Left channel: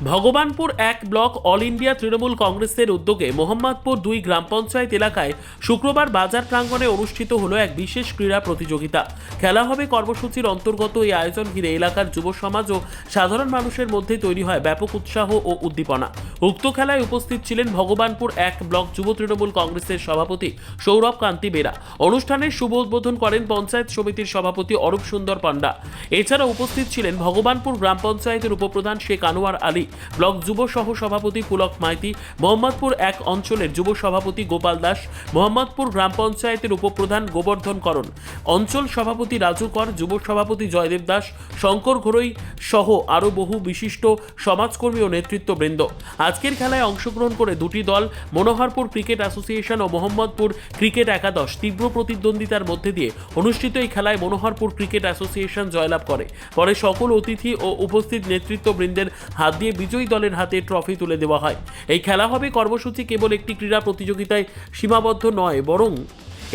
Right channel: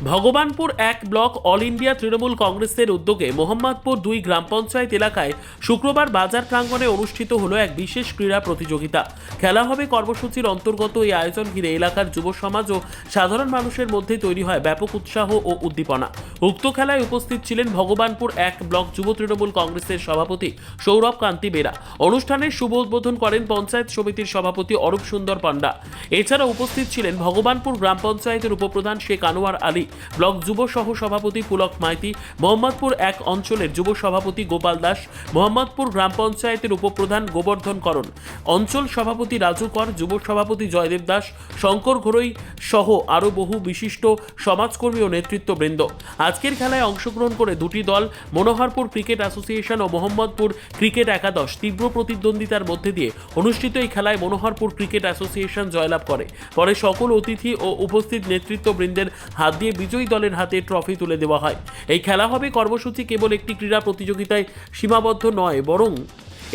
ভগবানপুর এক block all India Trinamool কংগ্রেসের উদ্যোগে মোহাম্মদপুর দুই গ্রাম পঞ্চায়েত এলাকায় শুক্রবার বাজার প্রাঙ্গণে অনুষ্ঠিত হলো এক বিশেষ ক্রীড়া প্রতিযোগিতা। খেলা হবে কর্মসূচির অন্তর্গত এই আয়োজন ঘিরে এলাকার যুব সমাজ ও সাধারণ মানুষের মধ্যে তৈরি হয় ব্যাপক উৎসাহ ও উদ্দীপনা। উক্ত খেলায় উপস্থিত ছিলেন ভগবানপুর এক ব্লক যুব তৃণমূল কংগ্রেসের সভাপতি সৌরভ কান্তি বেরা। অনুষ্ঠানের শুভ উদ্বোধন করেন পঞ্চায়েত সমিতির সভাপতি অরূপ সুন্দর পান্ডা। এছাড়া উপস্থিত ছিলেন ভগবানপুর গ্রাম পঞ্চায়েতের উপপ্রধান শেখ আনোয়ার আলী। ব্লক যুব সহ সভাপতি পুলক মাইতি, মোহাম্মদপুর এক অঞ্চলের যুব সভাপতি গোপাল দাস, মোহাম্মদপুর গ্রাম পঞ্চায়েতের উপপ্রধান গোবর্ধন করণ, অঞ্চল সভাপতি রাজু কর, যুব সভাপতি জয়দেব দাস, শঙ্কর ঘোরই সহ আরও বহু বিশিষ্ট সমাজকর্মী ও নেতৃত্ববৃন্দ। আজকের খেলায় অংশগ্রহণ করে দুটি দল, মনোহরপুর ক্রিকেট অ্যাসোসিয়েশন ও মোহাম্মদপুর ক্রিকেট একাদশ, তীব্র প্রতিদ্বন্দ্বিতার মধ্যে দিয়ে অনুষ্ঠিত এই খেলায় মনোহরপুর ক্রিকেট অ্যাসোসিয়েশন জয়লাভ করে। পরে সকল অতিথি ও উপস্থিত নেতৃত্ববৃন্দের হাত দিয়ে বিজয়ী দলের হাতে ট্রফি তুলে দেওয়া হয়। এই খেলা হবে কর্মসূচি কেবল একটি ক্রীড়া প্রতিযোগিতায় সীমাবদ্ধ নয়, বরং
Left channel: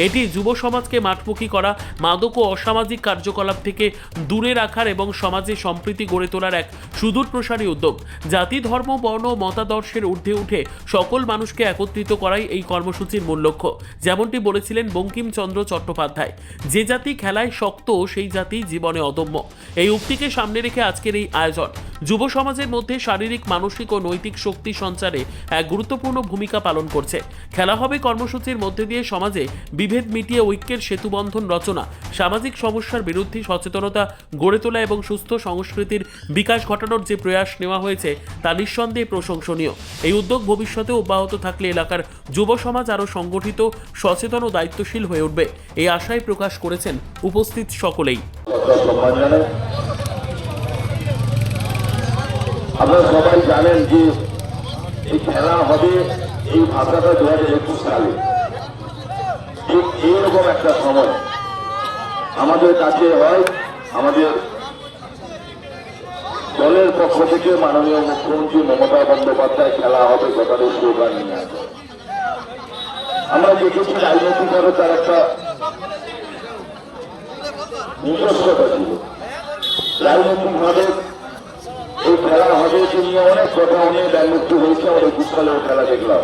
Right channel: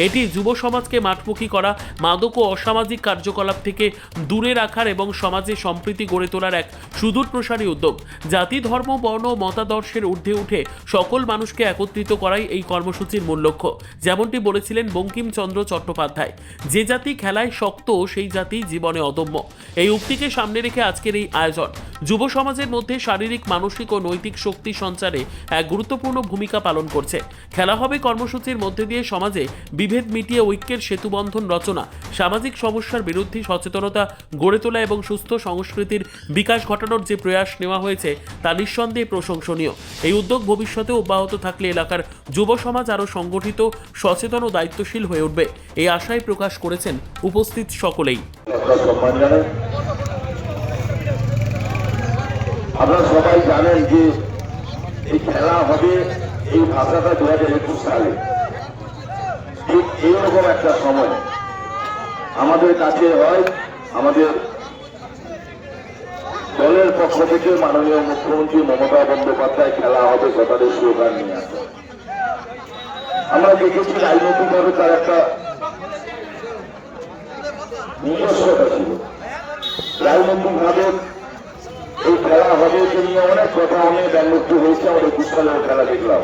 এটি যুব সমাজকে মাঠমুখী করা, মাদক ও অসামাজিক কার্যকলাপ থেকে দূরে রাখার এবং সমাজে সম্প্রীতি গড়ে তোলার এক সুদূর প্রসারী উদ্যোগ। জাতি, ধর্ম, বর্ণ মতাদর্শের ঊর্ধ্বে উঠে সকল মানুষকে একত্রিত করাই এই কর্মসূচির মূল লক্ষ্য, যেমনটি বলেছিলেন বঙ্কিমচন্দ্র চট্টোপাধ্যায়। যে জাতি খেলায় শক্ত, সেই জাতি জীবনে অদম্য। এই উক্তিকে সামনে রেখে আজকের এই আয়োজন। যুব সমাজের মধ্যে শারীরিক, মানসিক ও নৈতিক শক্তি সঞ্চারে এক গুরুত্বপূর্ণ ভূমিকা পালন করছে। খেলা হবে কর্মসূচির মধ্যে দিয়ে সমাজে বিভেদ মিটিয়ে ঐক্যের সেতুবন্ধন রচনা, সামাজিক সমস্যার বিরুদ্ধে সচেতনতা গড়ে তোলা এবং সুস্থ সংস্কৃতির বিকাশ ঘটানোর যে প্রয়াস নেওয়া হয়েছে, তা নিঃসন্দেহে প্রশংসনীয়। এই উদ্যোগ ভবিষ্যতে অব্যাহত থাকলে এলাকার যুব সমাজ আরও সংগঠিত, সচেতন ও দায়িত্বশীল হয়ে উঠবে, এই আশায় প্রকাশ করেছেন উপস্থিত সকলেই। আপনারা সবাই জানেন যে এই খেলা হবে এই ভাষাটা দু হাজার একুশ সালে। ঠিক এইরকম একটা সময়। আমাদের কাছে হয়, আমাদের দলের পক্ষ থেকে মাননীয় মুখ্যমন্ত্রী মমতা বন্দ্যোপাধ্যায় খেলা হবে কথাটি স্লোগান নিয়ে আমরা দেখেছি রাজনৈতিকভাবে তার একটা নিজস্বতা ছিল। রাজনৈতিকভাবে এই খেলা হবে নিয়ে অনেক কথা নিয়ে ব্যাংমুক্তি হয়েছে একুশ সালের খেলা দেখলাম।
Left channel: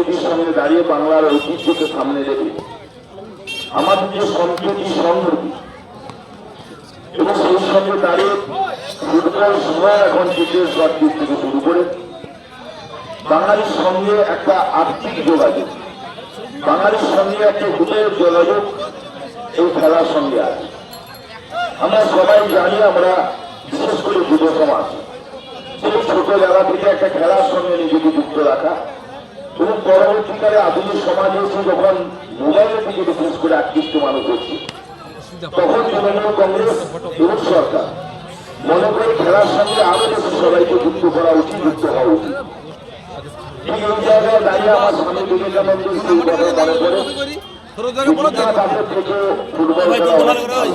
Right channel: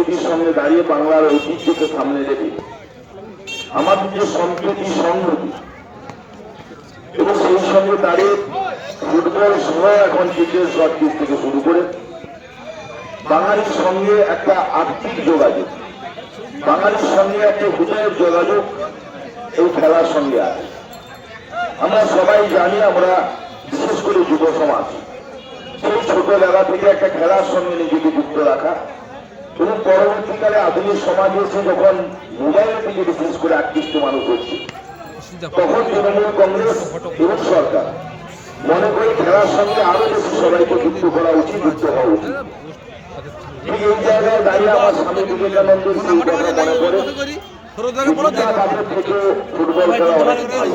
সংস্কৃতির সামনে দাঁড়িয়ে বাংলার ঐতিহ্যকে সামনে রেখে আমাদের যে সম্প্রীতি সংহতি এবং সেই সঙ্গে দাঁড়িয়ে ফুটবল থেকে শুরু করে বাঙালির সঙ্গে একটা আর্থিক যোগাযোগ, বাঙালির সঙ্গে একটা হৃদয়ের যোগাযোগ এই খেলার সঙ্গে আছে। আমরা সবাই জানি আমরা বিশেষ করে যুব সমাজ সেই ছোটবেলা থেকে একটা খেলার সঙ্গে নিজেকে যুক্ত রাখা এবং পরবর্তীকালে আধুনিক সমাজ এসে যখন মোবাইলের দিকে বিশেষ করে আকৃষ্ট মানুষ হচ্ছে তখন তৃণমূল কংগ্রেস এবং সরকার মনে করে খেলার সঙ্গে আরও বেশি সবাইকে যুক্ত করা উচিত যুক্ত হওয়া উচিত ঠিক এই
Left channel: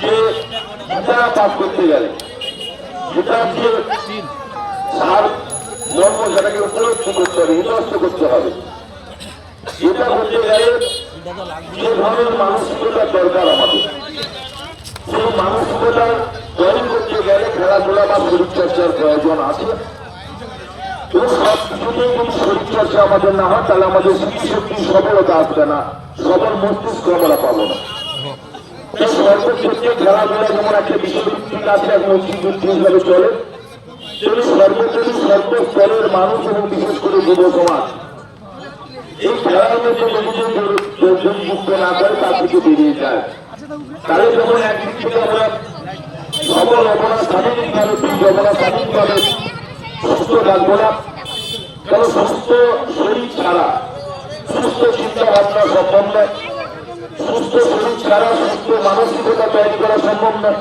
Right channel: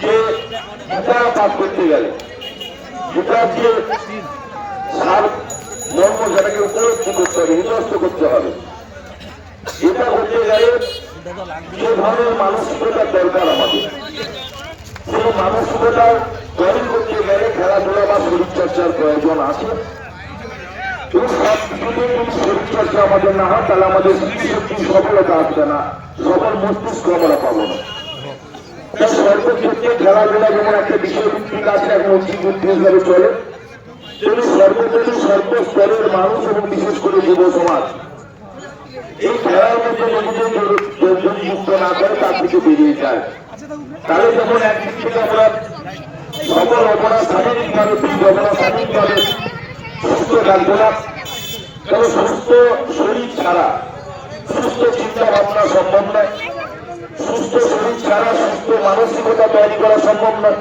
যে গীতা পাঠ করতে গেলে গীতাকে সার মর্ম সেটাকে উপলব্ধি করতে হবে হৃদয়স্থ করতে হবে। এটা করতে গেলে যে ধরনের মানসিকতার দরকার আমাদের। সেই মানসিকতা তৈরি করতে গেলে খেলাধুলা বা শরীরচর্চার প্রয়োজন আছে। তো সব যদি শরীরচর্চা আমাদের না হয়, তাহলে আমাদের স্মৃতিশক্তি সফলতা আসবে না। সবার মস্তিষ্ক আমরা পাবো না। তাই সর্বক্ষেত্রে খেলাধুলা যেমন একটা বিশ্বভিত্তিক আছে এখন হিসাবে চলে তেমনি সর্বোপরি সর্বস্তরের মানুষ এবং বিশেষ করে যুব সমাজ এই খেলার মধ্যে নিজেদের যুক্ত না করে তার থেকে বেরিয়ে যায়। তাহলে যখন একদিক থেকে শরীর ছাড়া সুস্থ মানসিকতা তৈরি করা সম্ভব নয়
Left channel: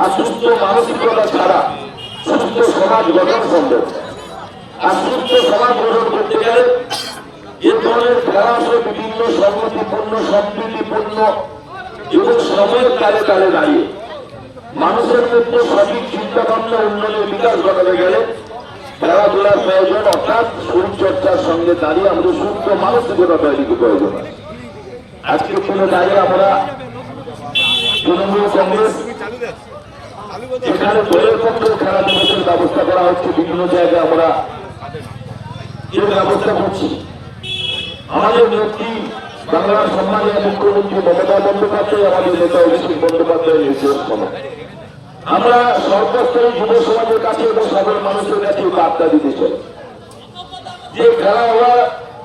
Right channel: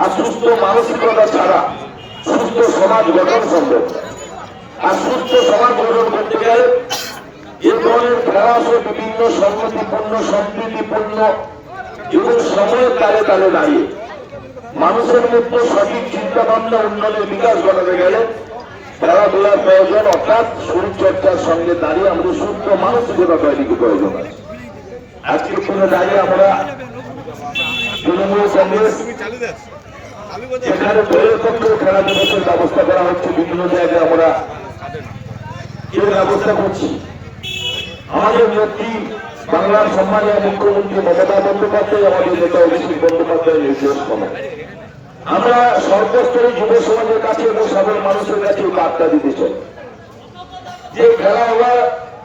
আর সুস্থ মানসিকতা ছাড়া সুস্থ সমাজ খেলাধুলার প্রয়োজন অর্থাৎ শরীরচর্চার সঙ্গে দাঁড়িয়ে আমাদের সুস্থ মানসিকতা তৈরিকে প্রয়োজন আছে। আজকের দিনে দাঁড়িয়ে আমরা তৃণমূল কংগ্রেস যেখানে দলের খেলা দিবসের ব্যবস্থা করা হচ্ছে, বিভিন্ন জায়গায় আমরা এর ব্যবস্থা করছি। আমাদের নেত্রী বাংলার সমাজের মুখ্যমন্ত্রী মমতা বন্দ্যোপাধ্যায় আমাদের নেতা অভিষেক বন্দ্যোপাধ্যায়ের আমরা সর্বস্তরে যুব সমাজের কাছে এবং সাধারণ মানুষের কাছে বার্তা দিতে চাই। যে খেলা ওরা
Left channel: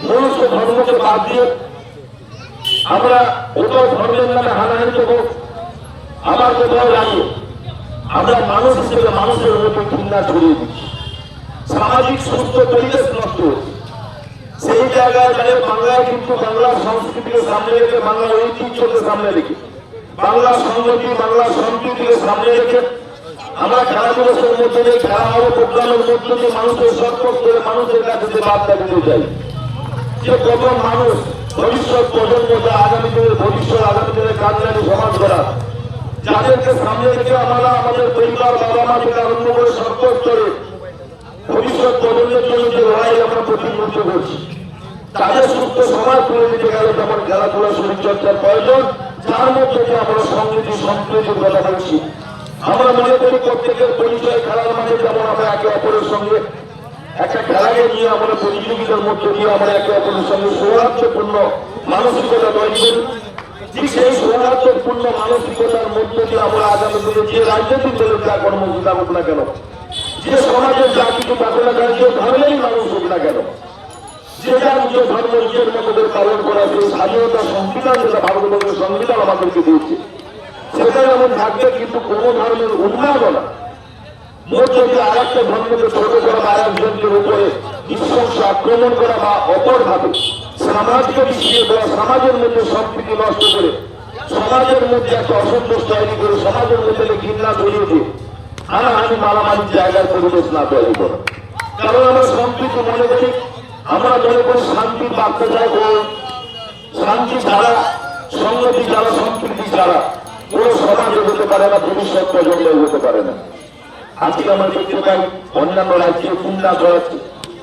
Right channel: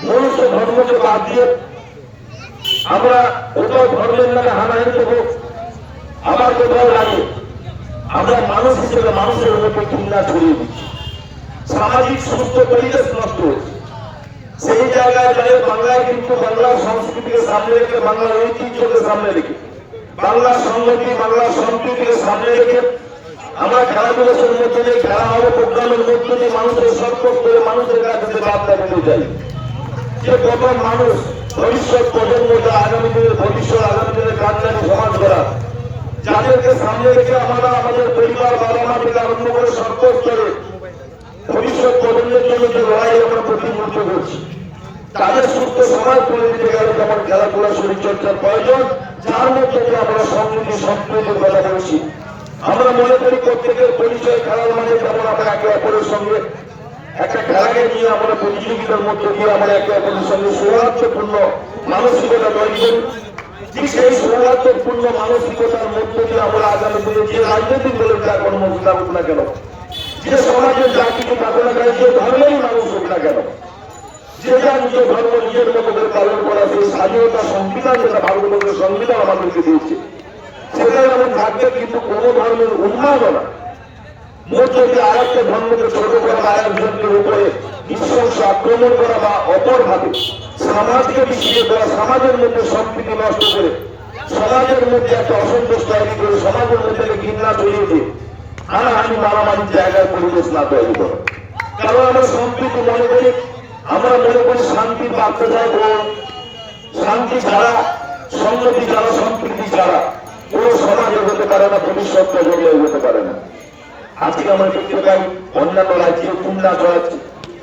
মনুষ্য ধর্মকে বাদ দিয়ে আমরা কোথাও ধর্মের নামে হানাহানি দেবো আবার কোথাও দাঁড়িয়ে আমরা মানুষ হিসেবে মানুষের মধ্যে ঘৃণা ছড়িয়ে দিচ্ছি সামাজিক সুস্থ পরিবেশ নষ্ট হচ্ছে সেই জায়গায় দাঁড়িয়ে বাংলায় কিন্তু বাংলার সংস্কৃতিকে সামনে রেখে বাংলার ঐতিহ্যকে সামনে রেখে বাংলার সংগতি বাংলার সংস্কৃতিকে সামনে রেখে আমরা খেলা দিবসের মধ্যে দিয়ে খেলা হবে প্রোগ্রামের মধ্যে দিয়ে মানুষের সতর্ক করে মানুষের কাছে যে বার্তা দিতে চাই যে কত মানুষ ভবিষ্যৎ প্রজন্মকে আগামী দিনের ভবিষ্যৎ আগামী দিনের কান্নারি সমাজ করা। যাদেরকে সামনে রেখে আমরা আমাদের পরিবার বাবা মা থেকে আরম্ভ করে সরকার করে ভবিষ্যৎ প্রজন্মের জন্য যে লড়াই আমরা প্রতিনিধিত্ব করছি, তাদের সুস্থ সমাজ করে দিতে গেলে যেমন খেলাধুলা শরীরচর্চার প্রয়োজন যার মধ্যে আমরা সংস্কৃতি সংস্কৃতির কথা বলছি আমরা মনে করি প্রত্যেকের পরিচয় খেলা মানে যেমন আমরা একে অপরের সঙ্গে একটা খেলাকে নিয়ে আমরা প্রতিযোগিতার মধ্যে দিয়ে আমরা একে অপরের সঙ্গে সৌহার্দ্যপূর্ণ মানসিকতা মধ্যে দিয়ে আমরা না না থাকবে কিন্তু কোনো ধরনের উন্মাদনা মধ্য দিয়ে আর একটা ধর্মকে ছোট করা আর আক্রমণ করা বা অপরভাবে সমাজকে বিস্মিত করা সমাজের মধ্যে সম্প্রীতি নষ্ট করে, সমাজের মধ্যে একটা অসন্তোষ তৈরি করে, সমাজের মধ্যে ঘৃণা তৈরি দিয়ে হানাহানি মারামারির জায়গায় পরিবেশ না তৈরি করে। কারণ আমরা সম্প্রীতি মনে করি, আমরা মনে করি শান্তি যায় ও শান্তি ছাড়া সংগতি ছাড়া, সম্প্রীতি ছাড়া কোন সমাজে হতে পারে না, ভবিষ্যৎ প্রজন্মে হতে পারে না। আজকে আমরা দেখতে পাই, অন্যান্য রাজ্যে খুলনা করাচ্ছে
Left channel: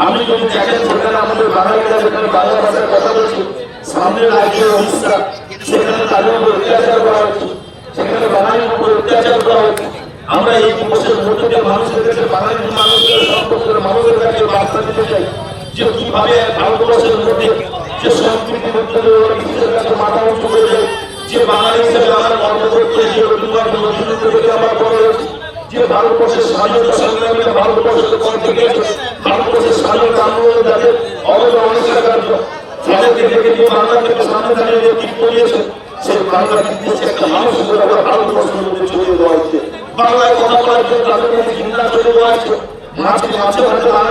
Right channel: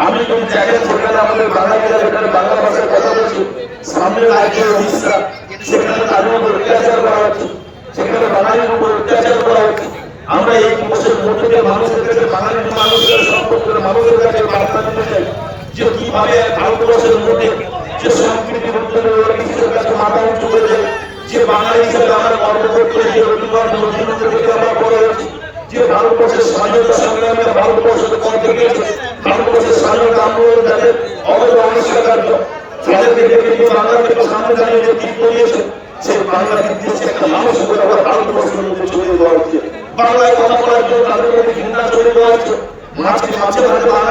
আপনি যদি দেখেন সেখানে আমাদের বাঙালিরা যেখানে বাংলা ভাষায় কথা বলছে, সামনে রাজ্য উড়িষ্যা, সেখানে তাদের অত্যাচার করা হচ্ছে সেখানে বাঙালির উপর অত্যাচার করা হচ্ছে আমরা এই দিবসের মধ্যে মানুষের কাছে বাঙালির মানুষের মানুষের কাছে বার্তা দিতে চাই যে কীভাবে ভারতবর্ষের মধ্যে যে সংস্কৃতির বিশ্বের কাছে মাথা উঁচু করে দেয়, যে বাঙালি হিসেবে আমরা গর্ববোধ করি যে রবীন্দ্রনাথ নজরুল করে যে ভারতবর্ষের স্বাধীনতা 먼저 먼저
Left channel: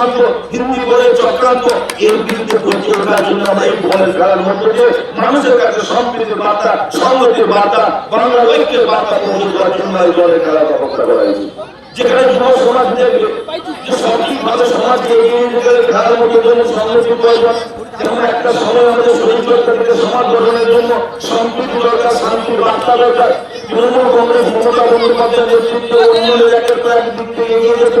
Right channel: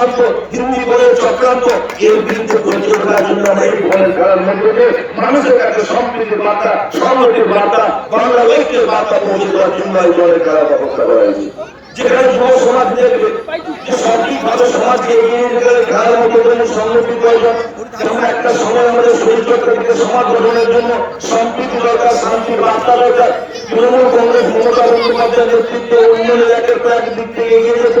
চক্রান্ত হিন্দি বলের চক্রান্ত, এর বিরুদ্ধে ওঠার জন্য আমরা এই ভয় খেলার মধ্যে দিয়ে মানুষের কাছে সম্প্রীতির বার্তা সংহতির বার্তা বাংলার ঐক্যের বার্তা পৌঁছে দেওয়ার জন্য এই দলের খেলার ব্যবস্থা করা হয়েছে। যেখানে যুব সমাজ দেখবে যে সঠিকভাবে সমাজকে এগিয়ে গেলে খেলার মধ্যে জন্য সংহতি প্রয়োজন যেমন একটা সময় আমাদের শরীর চর্চা থেকে সমাজ গঠনের জন্য সম্প্রীতি দরকার, শান্তির বার্তা দরকার। তৃণমূল কংগ্রেস মমতা বন্দ্যোপাধ্যায়ের নেতৃত্বে উন্নয়নের একটা প্রায় দিক থেকে এগিয়ে যেতে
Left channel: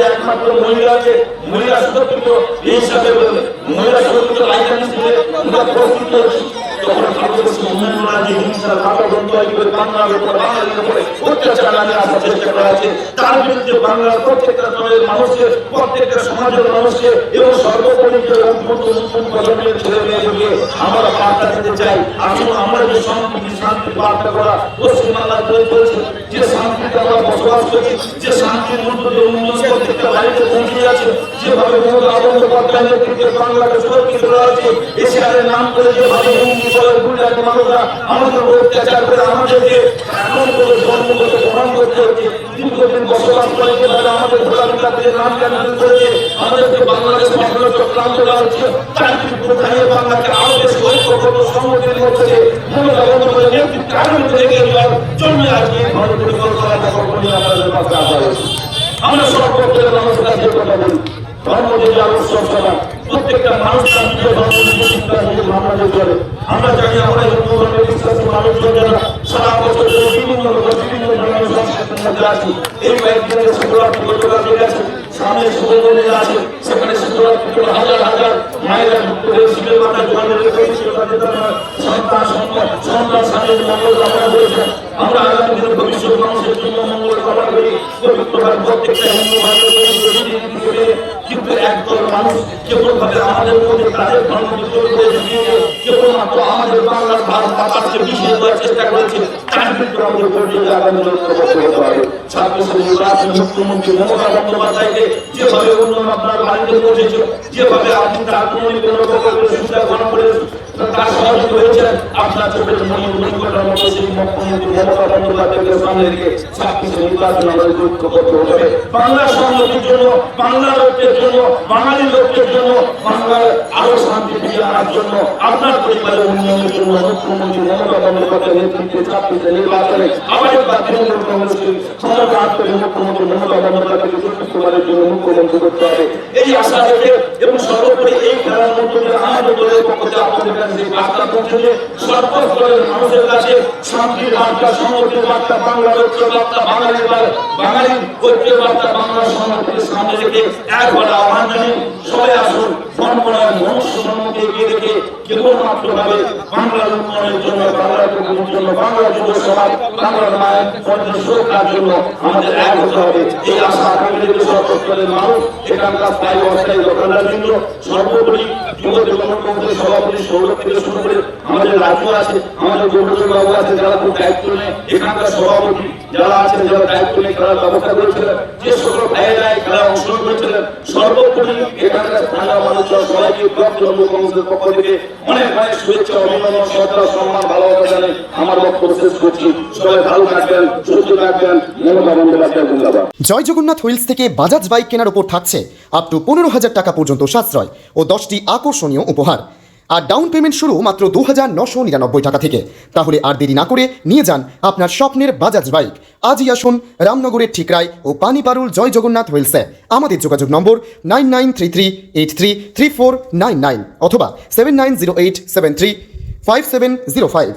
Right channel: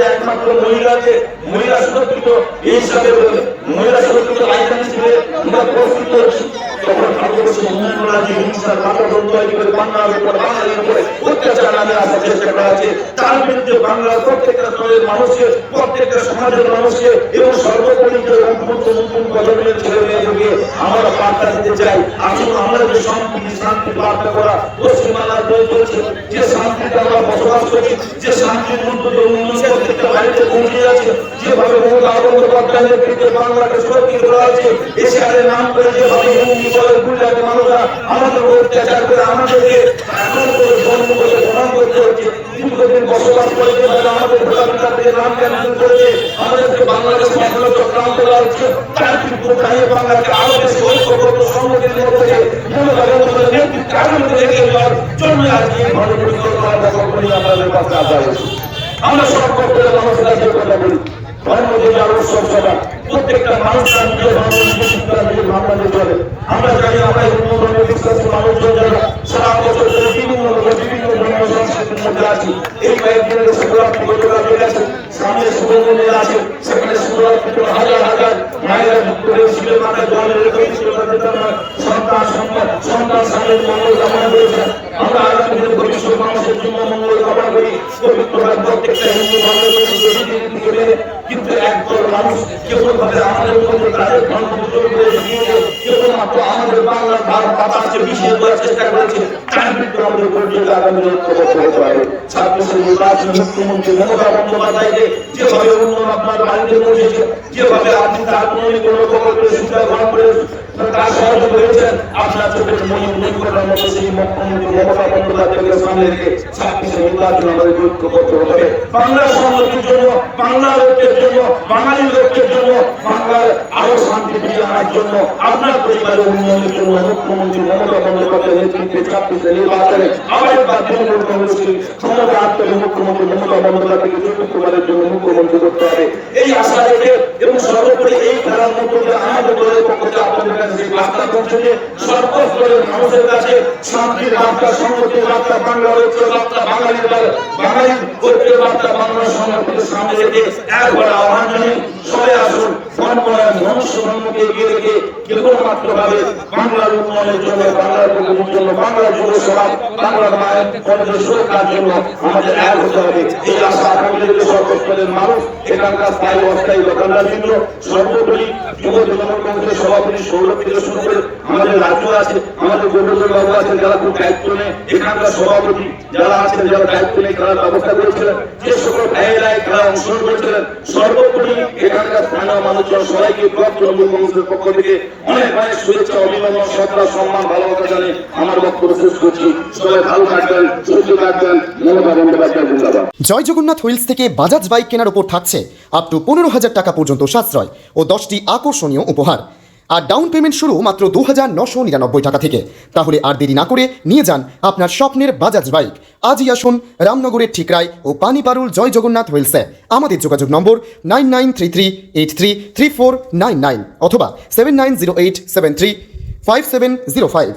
মধ্যে একমাত্র মহিলা মহিলা সুরক্ষিত, এই হিসাবে মহিলা সুরক্ষিত রাজধানী হিসেবে আমরা প্রস্তুত হচ্ছি তখন ভারতবর্ষের অন্যান্য রাজ্যে হিংসা ভারত তৈরি করে বাংলার উপরে বাঙালির উপরে অত্যাচার নামিয়ে আসার চেষ্টা করা হচ্ছে। তার বিরুদ্ধে বাংলার প্রত্যেকটা দলের মানুষকে, প্রত্যেকটা সমাজের মানুষকে এবং সর্বোপরি যে ছেলে মেয়েদেরকে আমরা যে শান্তি বার্তা করা পশ্চিমবাংলার যে আমরা বসবাস করছি, যে শান্তির উন্নয়ন প্রত্যেকটা বাড়িতে পৌঁছে যাচ্ছে। যেভাবে মমতা বন্দ্যোপাধ্যায়ের নেতৃত্বে বাংলাকে সুরক্ষিত করা হচ্ছে এশিয়ানের নাম করে যেভাবে হিন্দি বলে গুজরাটের মানুষরা আমাদের অত্যাচার করে আমাদেরকে আমাদেরকে বাংলাদেশ করা হচ্ছে। বিরুদ্ধে আজকে ধরনের পরিকল্পনা আসা হয়েছে। আমরা পক্ষের মানুষের কাছে কথা বলি। ধর্ম থেকে আদর্শ সভা প্রত্যেকটা মানুষ আমরা জানি আমরা হিন্দু ধর্মে বিশ্বাসী মানুষজন যেন সারা বছর ধরে বিভিন্ন রকম বিভিন্ন ধর্মের সংস্কৃতির আছি। এই কয়েকদিনের শিবরাত্রি গতকাল গেছে। সামনে শিব আছে। সেখানে শিবরাত্রিতে হাজার হাজার মায়েরা যুক্ত শিবের মাথায় জল ঢেলে কবি শিবরাত্রিতে তারা সন্তান সন্তান সন্তান স্বামীর মঙ্গল কামনা করেছে। আমরা আগামী দিনে ভবিষ্যৎ মানুষের জন্য মঙ্গল কামনা করি পবিত্রভাবে প্রত্যেকটা হিন্দু ধর্মের প্রতি শহীদ করে কিন্তু একদল মানুষ কেবলভাবে আমাদের মধ্যে তাদের ধর্ম বিদ্রোহ করে দিয়ে কেবলমাত্র আমাদের বাংলার ভাব বাতাসকে মিশিয়ে দেওয়ার চেষ্টা করেছি তার বিরুদ্ধে আমাদের পর্যন্ত আন্দোলন করতে হবে বন্দ্যোপাধ্যায়কে যেভাবে উন্নয়ন আপনার বাড়িতে পৌঁছেছে, যেভাবে আপনি তার কোনো কোনো প্রকল্পের সুবিধা গ্রহণ করে তার সহযোগী হয়েছেন, আপনার চোখের মনি মনি করার মতো সেই মুখ্যমন্ত্রী মমতা বন্দ্যোপাধ্যায়কে সামনে রেখে ছাব্বিশে নির্বাচন হবে বাংলার সংহতির জন্য বাংলার ঐক্যের জন্য, বাঙালি ঐক্যের জন্য, বাংলার আরও শান্তি ফিরিয়ে আনার জন্য, আপনার পরিবারের উন্নয়নের জন্য মুখ্যমন্ত্রী মমতা বন্দ্যোপাধ্যায়ের নেতৃত্বে ছাব্বিশে নির্বাচনে আবার একবার তৃণমূল কংগ্রেসকে ক্ষমতা এবং সর্বোপরি এই খেলার আপনাদের বার্তা পৌঁছে সর্বস্তরের মানুষের কাছে শান্তির বার্তা সংহতির বার্তা বাংলার ঐক্য বার্তা বাঙালির বাঙালির ঐক্যের বার্তা বাংলার সংহতিকে সামনে রেখে একবার আহ্বান জানিয়ে সবাই আসুন কনকনায় মনুষ্য জন্মকে এগিয়ে রেখে কেবলমাত্র ভাবে বাংলার উন্নয়নের জন্য, বাংলার জন্য, বাংলার যুব সমাজ, বাংলার মায়ের সুরক্ষার জন্য আমাদের এক হতে হবে। এই আশা আগামী সর্বস্তরের মানুষ এখানকার স্থায়ী অস্থায়ী দোকানদার বৃন্দ সর্বোপরি যুব তৃণমূল সভাপতি, সৌরভ করে আমাদের আছে, আমাদের আছেন যারা খুব দায়িত্ব নিয়ে, এখানকার সভাপতি যারা আছেন, যারা দায়িত্ব নিয়ে খেলার ব্যবস্থা করেছিলেন, যে সকল ভাইয়েরা খেলা অংশগ্রহণ করেছিলেন, সর্বোপরি এখানকার স্থানীয় মানুষজন সবাইকে পক্ষ থেকে অনেক অনেক শুভেচ্ছা, অভিনন্দন সরকার সম্মান, ভালোবাসা জানিয়ে আমার বক্তব্য শেষ করছি। সবাই ভালো থাকবেন, সুস্থ থাকবেন জয় জগন্নাথ। হুইলস থেকে বাজাজ বাইক কেনার ওপর থাকছে আপ টু পনেরো হাজার টাকা পর্যন্ত সাশ্রয় ও দশটি আকর্ষণীয় উপহার। আর ডাউন পেমেন্ট শুরু মাত্র দু হাজার নশো নিরানব্বই টাকা থেকে। তাহলে আর দেরি না করে নিয়ে যান আপনার স্বপ্নের বাজাজ বাইক। আজই আসুন রামনগরের ঠিকরায় ও পানিপারুল জয় জগন্নাথ হুইলসে আমাদের যোগাযোগ নম্বর nine nine three three, eight three three four nine nine অথবা seven nine zero eight seven three five seven zero five.